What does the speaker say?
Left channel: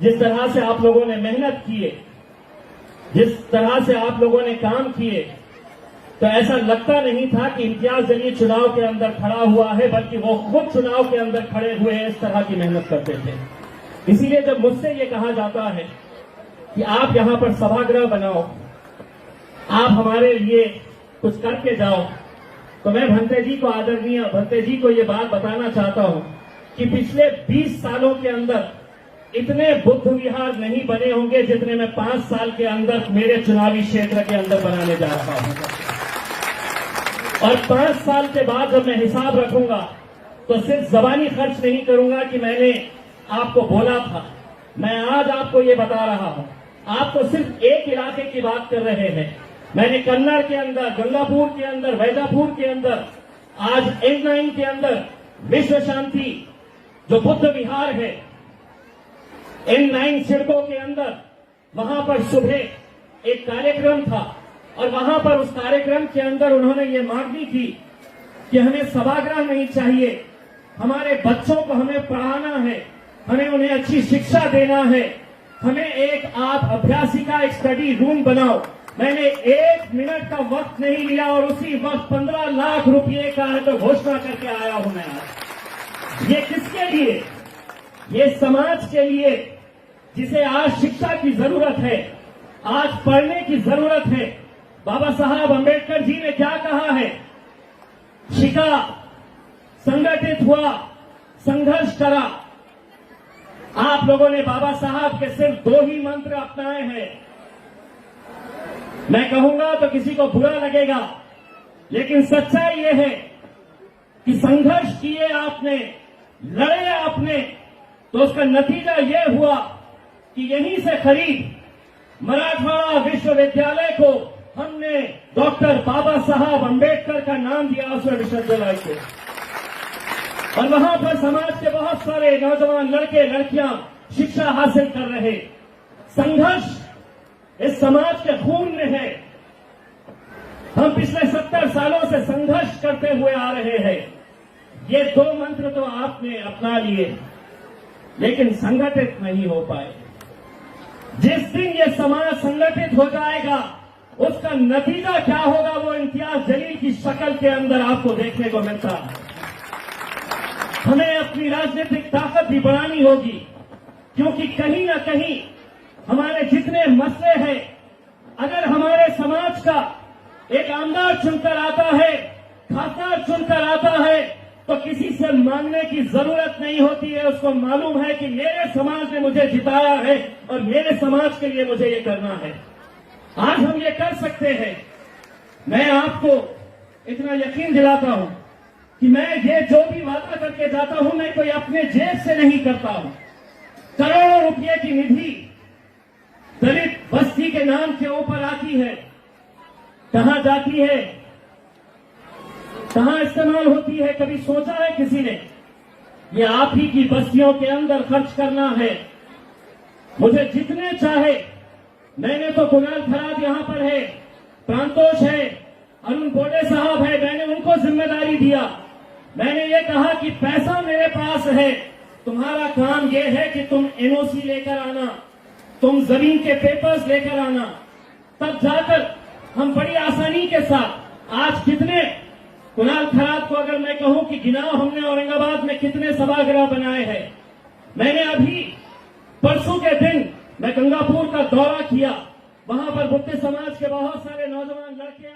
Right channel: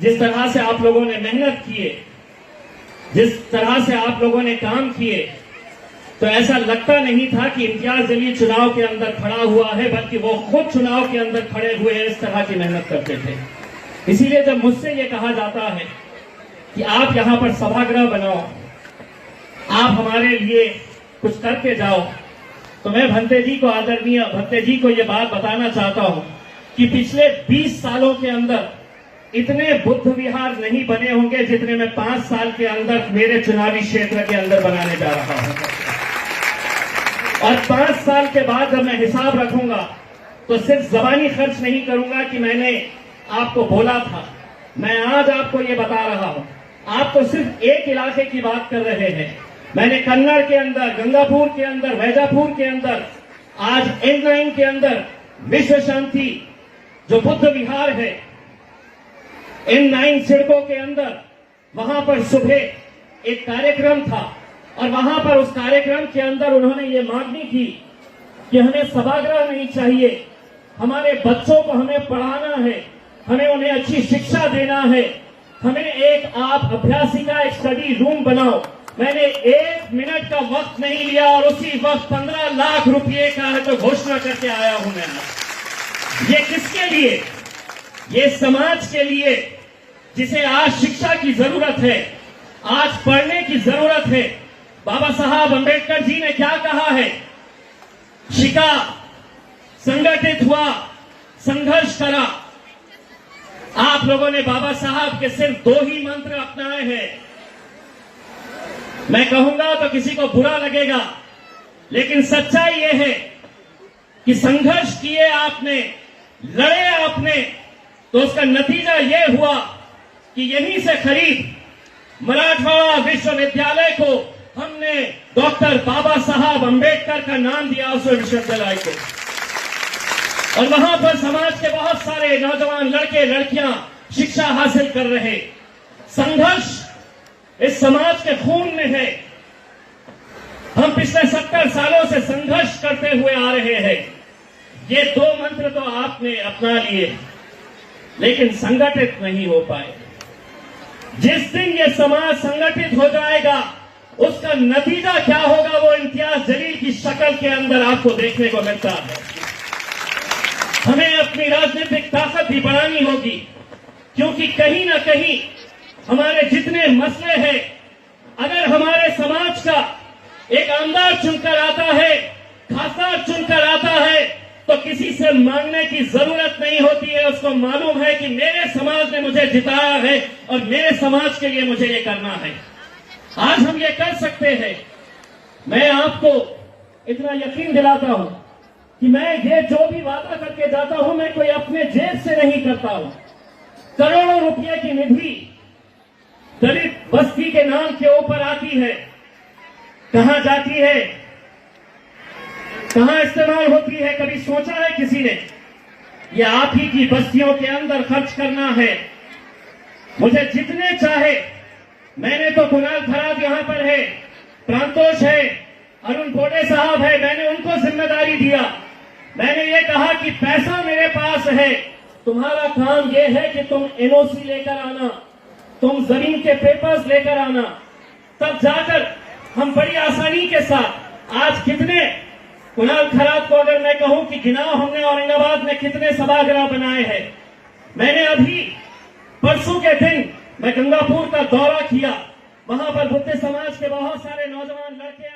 जिस तरह से आप लोगों ने मेहनत किए, जिस तरह से आप लोगों ने काम किए, तो ऐसा लगता नहीं था कि इम्तियाज जलील चुनाव के अंदर खड़ा हुआ है, बल्कि वो खुद चुनाव के अंदर खड़े हुए हैं, इस तरह की मेहनत करते थे। इसीलिए जब मुझसे ये कहा जाता है कि आप यहां पर सभागृह बनाओ, आप हमारे लिए कुछ करके जाओ, तो मैं भंते जी को, आदरणीय भंते जी को ये बात बताना चाहता हूं कि पिछले 20 सालों के अंदर इतने बुद्ध विहार नहीं बने होंगे जितने मैं 5 साल के अंदर मेरे चुनावी क्षेत्र के अंदर बनाने जा रहा हूं। और 5 साल के बाद जब मैं हिसाब रखूंगा तो सिर्फ जबानी खर्च नहीं करूंगा कि मैंने आपको बोला था। मैं आज आपको ये बता रहा हूं, आप तो सिर्फ एक इलाके की बात कर रहे हैं। मैंने कन्नड़ के अंदर, गंगापुर के अंदर, वैजापुर के अंदर, आज N9 के अंदर विश्व शांति जो बुद्ध विहार है, N9 सिड़कों के अंदर, वहां पर सुबह एक कार्यक्रम था और वहां पर उस कार्यक्रम के अंदर उन्होंने ये मांगनी थी कि हमें सभागृह नहीं चाहिए, हमारे बच्चों को हमें पढ़ाना है, हमें उन्हें अच्छी शिक्षा देना है, हमें एक आप अभ्यासिका एक स्टडी रूम बनाओ। मैंने 1 मिनट का वक्त नहीं लिया और उसी वक्त 15 लाख रुपए का तो घोषणा करके आया हूं मैं। ये किसके लिए? ये समाज के लिए, जिसे आज शिक्षा की जरूरत है, आज पढ़ने की जरूरत है। बाबा साहब अंबेडकर जी ने क्या कहा है? शिका, संगठित हुआ, संघर्ष करा। आप लोगों ने बाबा साहब के सिर्फ 2 ही मंत्र अपनाए हैं। मैं कहूंगा तो किसी को बुरा लगेगा, लेकिन सच्चाई यह है कि संघर्ष किए आपने, लड़े आपने, तो उसका नतीजा यह हुआ कि यहीं से करीब मराठवाड़ा विश्वविद्यालय को हमने डॉक्टर बाबा साहब अंबेडकर का नाम दिया उस विश्वविद्यालय को। और वहां पर समाज के बहुत सारे नौजवान लड़के लड़कियां शिक्षा हासिल कर रहे। संघर्ष इस समाज के खून में है। हम पिछले 70 सालों से संघर्ष करते हुए आ रहे हैं। ये 2 मंत्र तो आपने अपना लिए, लेकिन संगठित नहीं हो पाए। जिस दिन ये समाज संगठित हो जाएगा, उसका नतीजा क्या होगा वो इम्तियाज जलील की शक्ल के अंदर आपको देखने को मिलता है। हमें अपनी राजनीतिक ताकत भी बढ़ानी होगी, क्योंकि कहीं ना कहीं हमारे जितने मसले हैं, अगर हमारे समाज का एक आमदार चुनकर आता है, खासदार चुनकर आता है, तो किसी से मांगने की जरूरत नहीं होती है। उसको मालूम है कि मेरे समाज ने मुझे जिताया है और मेरे समाज के लिए मुझे ये करना है। आज हम ये कर सकते हैं। मैं आपको इतना यकीन दिलाता हूं कि मैं ये जो भी वादा करके जाता हूं, मैं कोई अपने जेब से नहीं करता हूं। करोड़ों रुपए की निधि दलित बस्ती के नाम के ऊपर आती है, कहां जाती है, कहां इस्तेमाल होती है? कभी सोचा है किसी ने? ये आप ही की बस्तियों के अंदर खर्च करना है। मुझे जितने चाहे, मैंने तो कुणाल खराब यहां पर है, प्रांतोष है, अरुण बोडे साहब है, मैंने उनको जिम्मेदारी दिया। मैंने ये कहा कि पैसा मेरे पास है, तुम्हारा काम ये है कि तुम एनओसी लेकर आना, तुम जमीन के पेपर्स लेकर आना, तब जाकर हम बड़ी आसानी के साथ आज कितने कुणाल खराब को अगर मैं कहूं कि गिनाओ हमने औरंगाबाद में कितने सभागृह बनाए हैं। मैंने अभी परसों के दिन मैं गंगापुर का दौरा किया, वहां पर बुद्ध समाज के बहुत सारे नौजवान लड़के